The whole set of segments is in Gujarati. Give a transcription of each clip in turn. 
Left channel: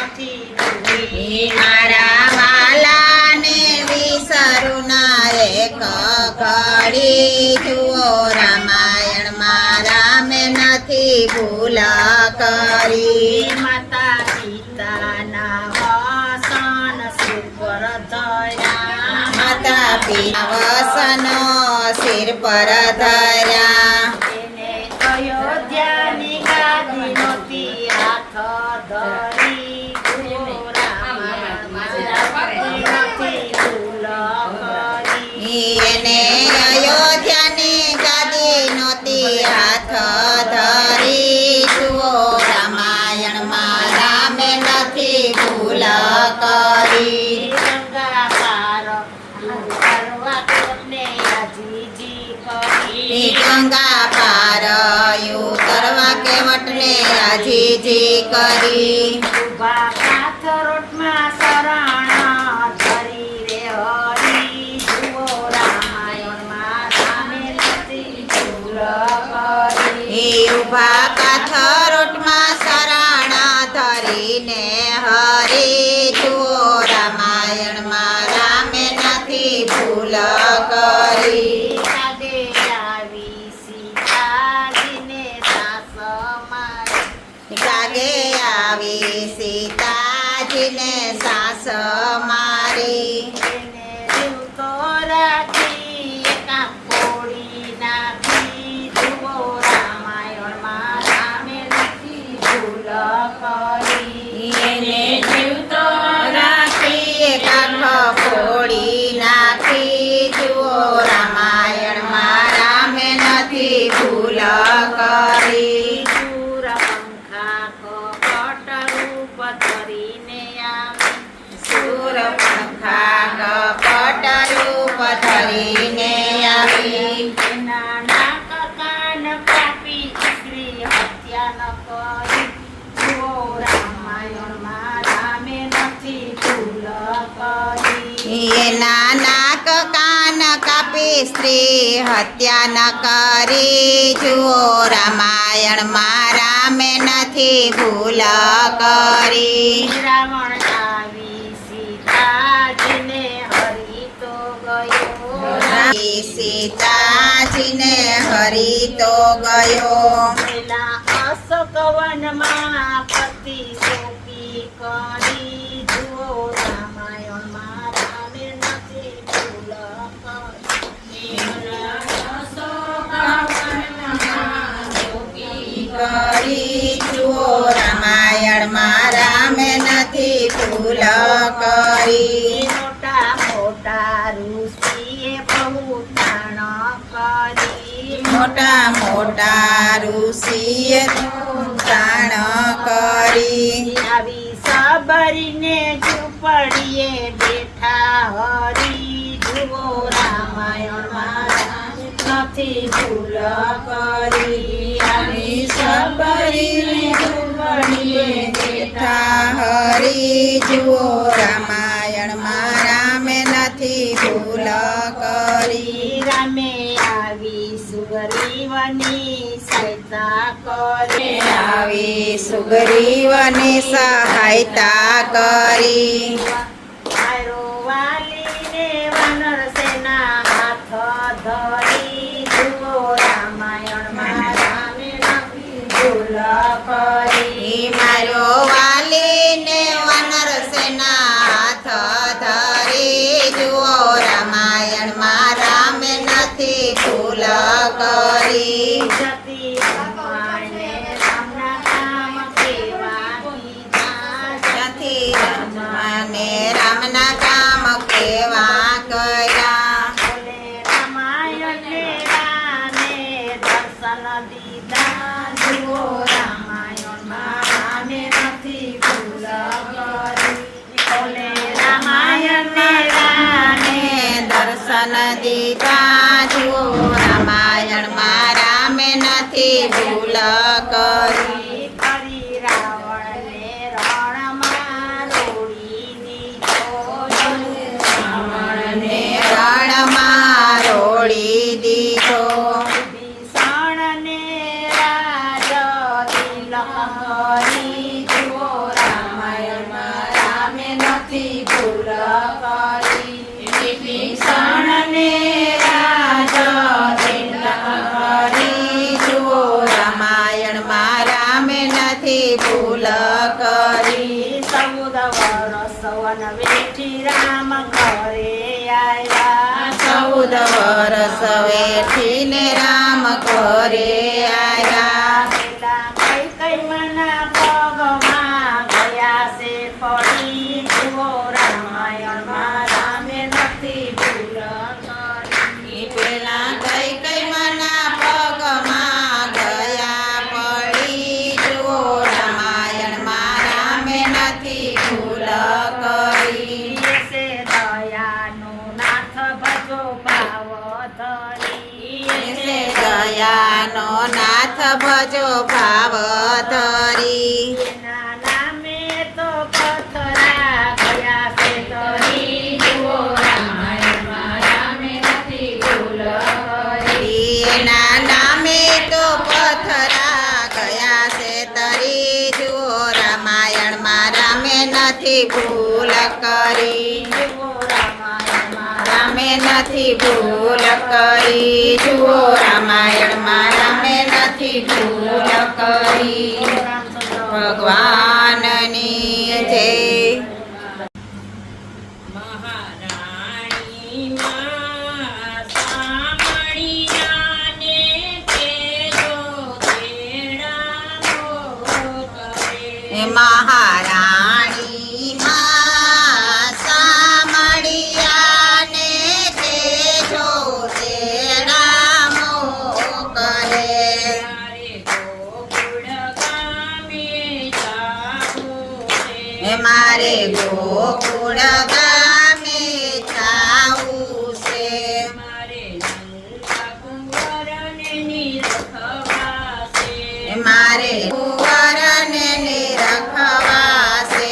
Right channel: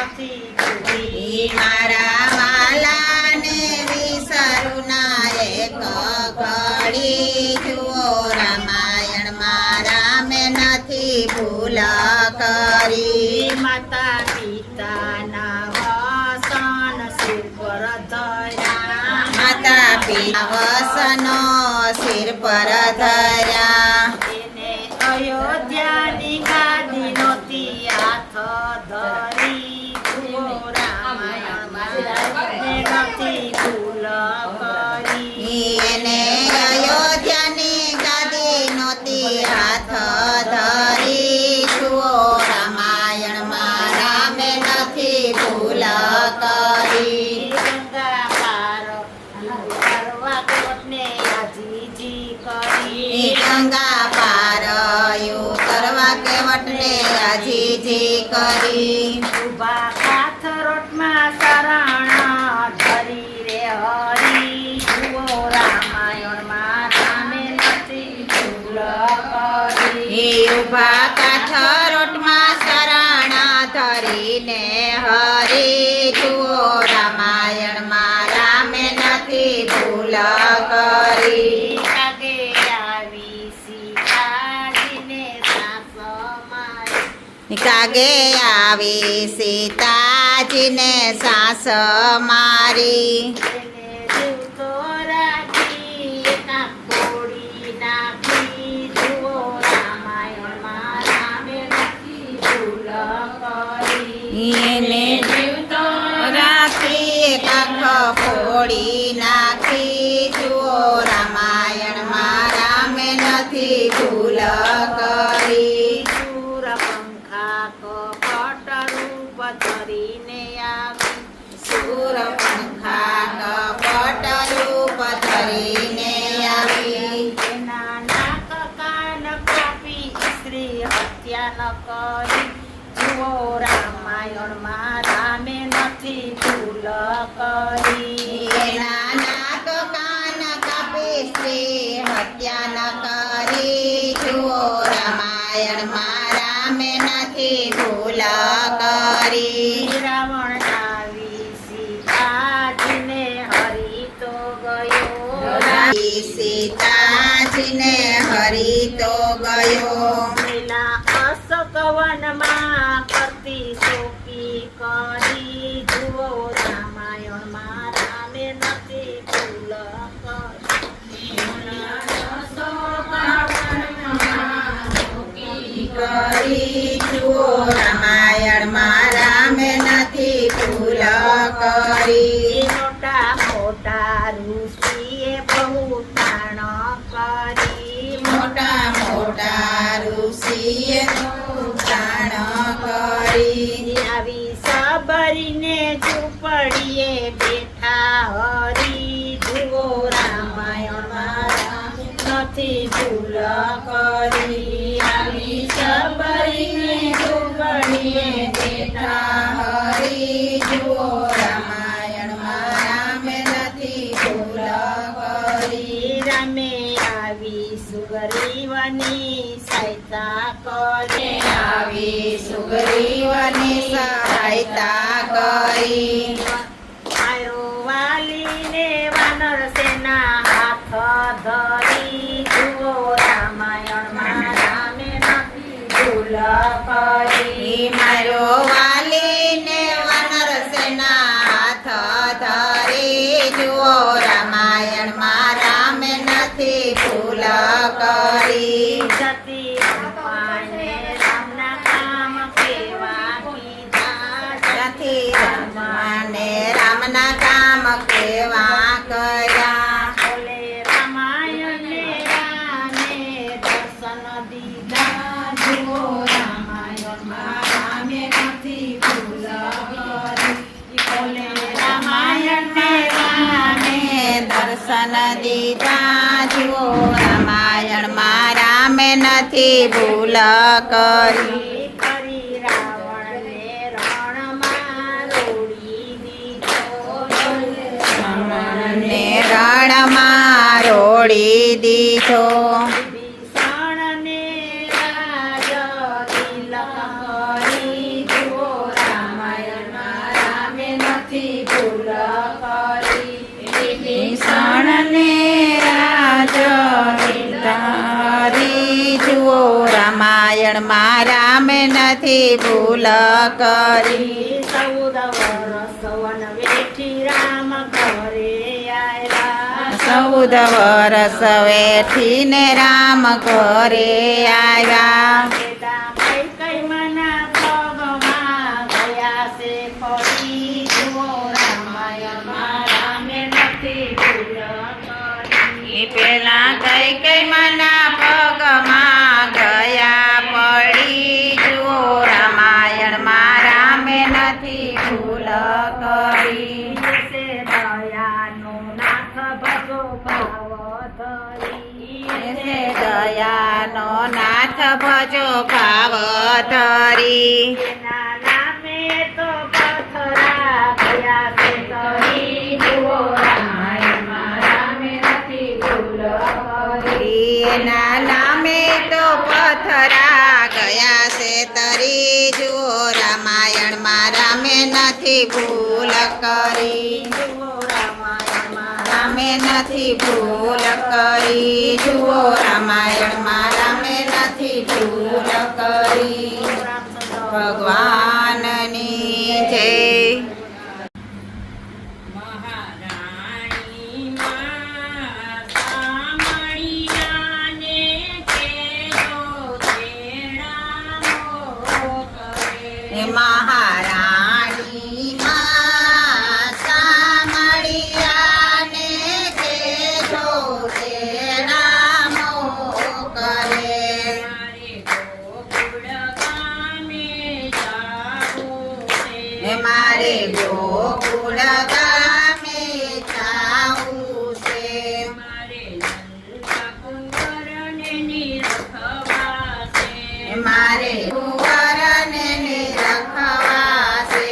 નથી ભૂલી. મારા વાલાને વિસરું ના એક ઘડી. જુઓ રામાયણમાં રામે નથી ભૂલ કરી. માતા પિતાના વસન સુપર ધર્યા. માતા પિતા વસનો સિર પર ધર્યા. એને અયોધ્યાની ગાદી નહોતી હાથ ધરી. જુઓ રામાયણમાં નથી ભૂલ કરી. એને અયોધ્યાની ગાદી નહોતી હાથ ધરી. જુઓ રામાયણમાં રામે નથી ભૂલ કરી. ગંગા પાર કરવા કોને અજીજી કરી. ગંગા પાર ઉતરવા કેવટને આજીજી કરી. ઉભા કાથરોટમાં શરણ ધરી રે હરી. જુઓ રામાયણમાં રામે નથી ભૂલ કરી. ઉભા કાથરોટમાં શરણ ધરીને હરી. જુઓ રામાયણમાં રામે નથી ભૂલ કરી. કાગે આવી સીતાજીને સાસ મારી. કાગે આવી સીતાજીને સાસ મારી. એને જીવતો રાખી એકા ફોડી નાખી. જુઓ રામાયણમાં રામે નથી ભૂલ કરી. એને જીવતો રાખી કાખ ફોડી નાખી. જુઓ રામાયણમાં રામે નથી ભૂલ કરી. સુર પંખા કપટ રૂપ ધરીને આવી. સુર પંખા કપટ રૂપ ધરીને આવી. એના નાક કાન કાપી સ્ત્રી હત્યા ન કરી. જુઓ રામાયણમાં રામે નથી ભૂલ કરી. એના નાક કાન કાપી સ્ત્રી હત્યા ન કરી. જુઓ રામાયણમાં રામે નથી ભૂલ કરી. રાવણ આવી સીતાજીને હરી તો ગયો. સીતાજીને હરી તો ગયો. પેલા અશોકવનમાં પતિ સોંપી કરી. જુઓ રામાયણમાં રામે નથી ભૂલ કરી. જુઓ રામાયણમાં રામે નથી ભૂલ કરી. મોટા મોટા ઋષિએ બહુ તાણ કરી. મોટા મોટા ઋષિએ તાણ કરી. આવી સબરીને ઝૂંપડીએ બેઠા હરી. જુઓ રામાયણમાં નથી ભૂલ કરી. આવી સબરીને ઝૂંપડીએ બેઠા હરી. જુઓ રામાયણમાં રામે નથી ભૂલ કરી. રામે આવી સુગ્રીવની સહાયતા કરી. આવી સુગ્રીવની સહાયતા કરી. મારો વાલીને વાનર સેના હાથ ધરી. જુઓ રામાયણમાં રામે નથી ભૂલ કરી. મારો વાલીને વાનર સેના હાથ ધરી. જુઓ રામાયણમાં રામે નથી ભૂલ કરી. સતી રમાને રામના કામ કેવા કીધા. નથી રમવાને રામના કામ કેવા કર્યા. બોલે રામાયણને રામે દર્શન દીધા. જુઓ રામાયણમાં રામે નથી ભૂલ કરી. બોલે રામાયણને રામે દર્શન દીધા. જુઓ રામાયણમાં રામે નથી ભૂલ કરી. કરી રાવણને રણમાં રોડી દીધો. રાવણને રણમાં રોડી દીધો. વિભીષણને રાજ તિલક કરી. જુઓ રામાયણ ને રાજ કરી જુઓ રામાયણમાં રામે નથી ભૂલ કરી 14 વર્ષ વન વેઠી રામ ઘરે આવ્યા 14 વર્ષ વેઠીને રામ ઘરે આવ્યા સીતા કઈ મના પગમાં ગયા છે ફરી જુઓ રામાયણમાં રામે નથી ભૂલ કરી પેલા કઈ મના પગમાં ગયા પડી જુઓ રામાયણમાં રામે નથી ભૂલ કરી છે દયાનો નાથ ભજો ભાવ ધરી છે દયાનો નાથ ભજો ભાવ ધરી એના નામે તો પથરા ગયા છે ધરી જુઓ રામાયણમાં રામે નથી ભૂલ કરી એના નામે તો પથરા ગયા છે તરી જુઓ રામાયણમાં રામે નથી ભૂલ કરી જુઓ રામાયણમાં રામે નથી ભૂલ કરી જુઓ રામાયણમાં રામે નથી ભૂલ કરી ભગવાનની જય મહારાણી માં સામળિયાને કેજો તેડામો કરે મારે ગોકુળ ગામે જાવું છે મારે કુંવરને નિરખવા છે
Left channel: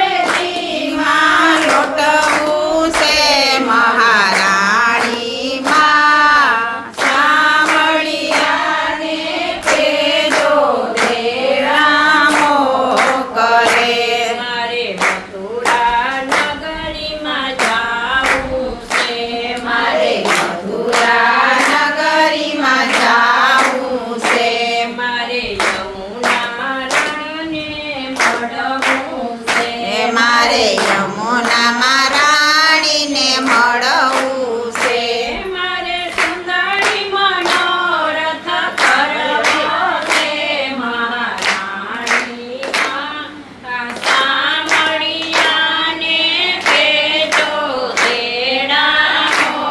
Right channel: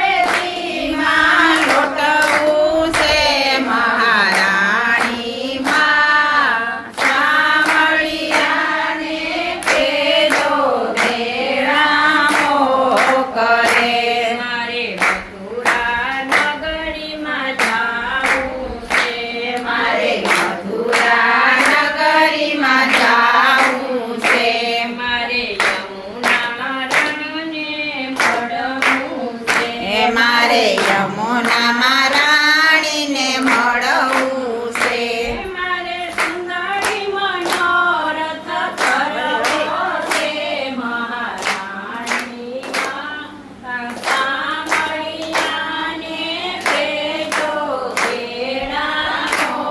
મહારાણીમાં લોટવું છે મહારાણીમાં સામળિયાને કેજો તેડામો કરે મારે મથુરા નગરીમાં જાવું છે મારે મથુરા નગરીમાં જાવું છે મારે યમુના રાને મળવું છે મારે યમુનામાં રાણીને મળવું છે મારે સુંદરી મનોરથ કરવો છે મહારાણીમાં સામળિયાને કેજો તેડામો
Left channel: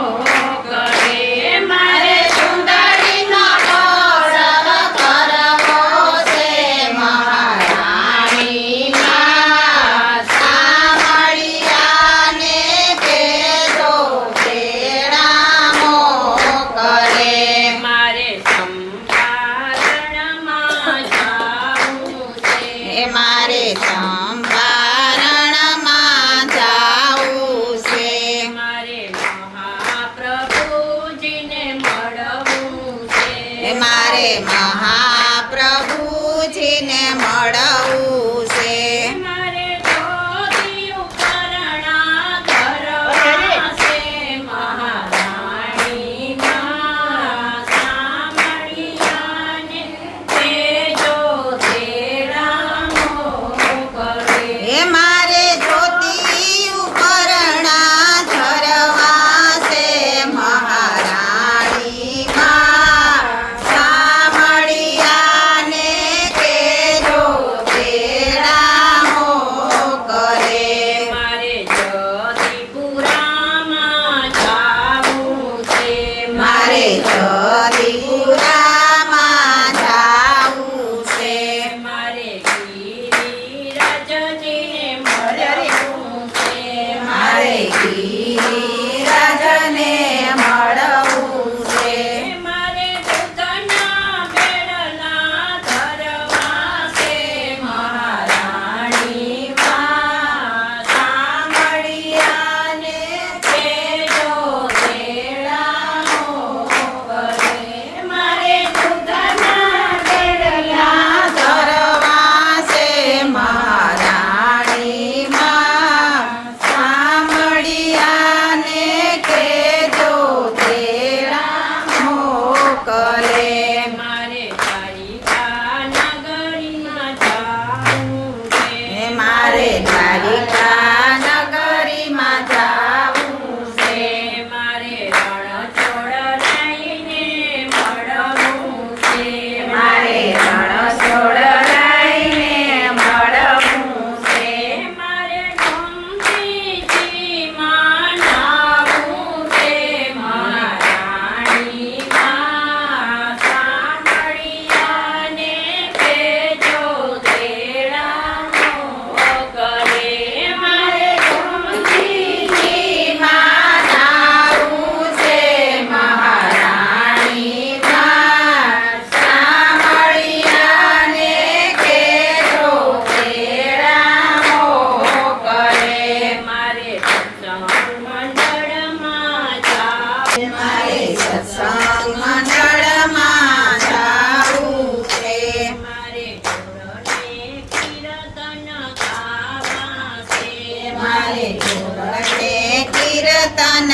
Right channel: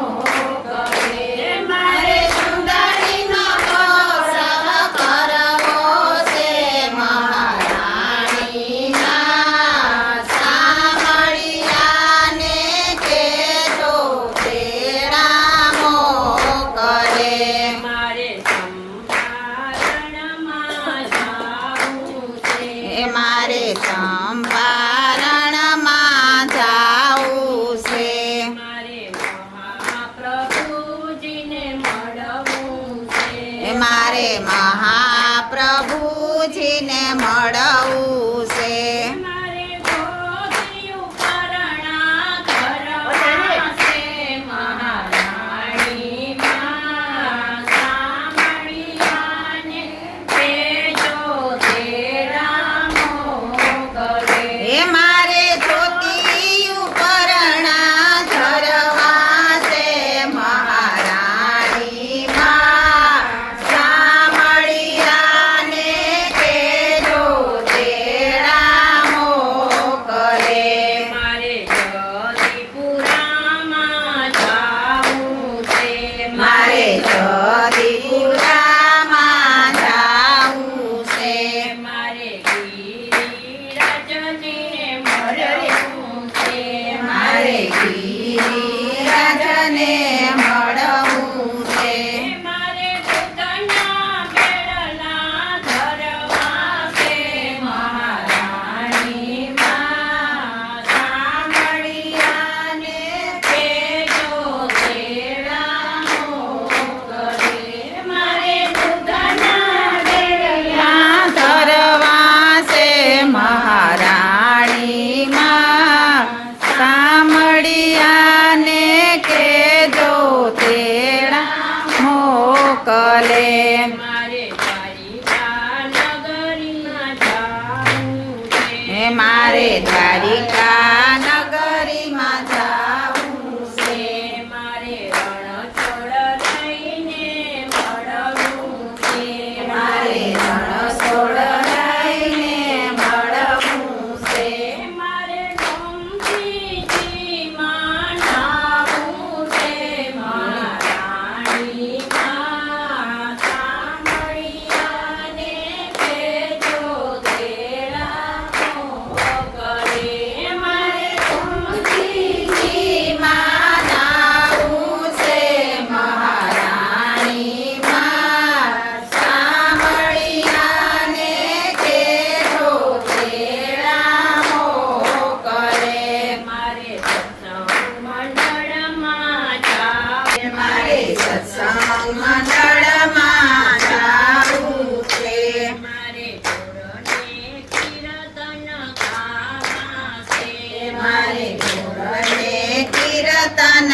કરે મારે સુંદરીનો ગૌરવ કરવો છે મહારાણીમાં સામળિયાને કેજો તેડામો કરે મારે ચંપારણમાં જાવું છે મારે ચંપારણમાં જાવું છે મારે મહાપ્રભુજીને મળવું છે મારે મહાપ્રભુજીને મળવું છે મારે જ્યોતિયું પરણા ધરવા છે મહારાણીમાં સામળિયાને કેજો તેડામો કરે એ અને કીર્તન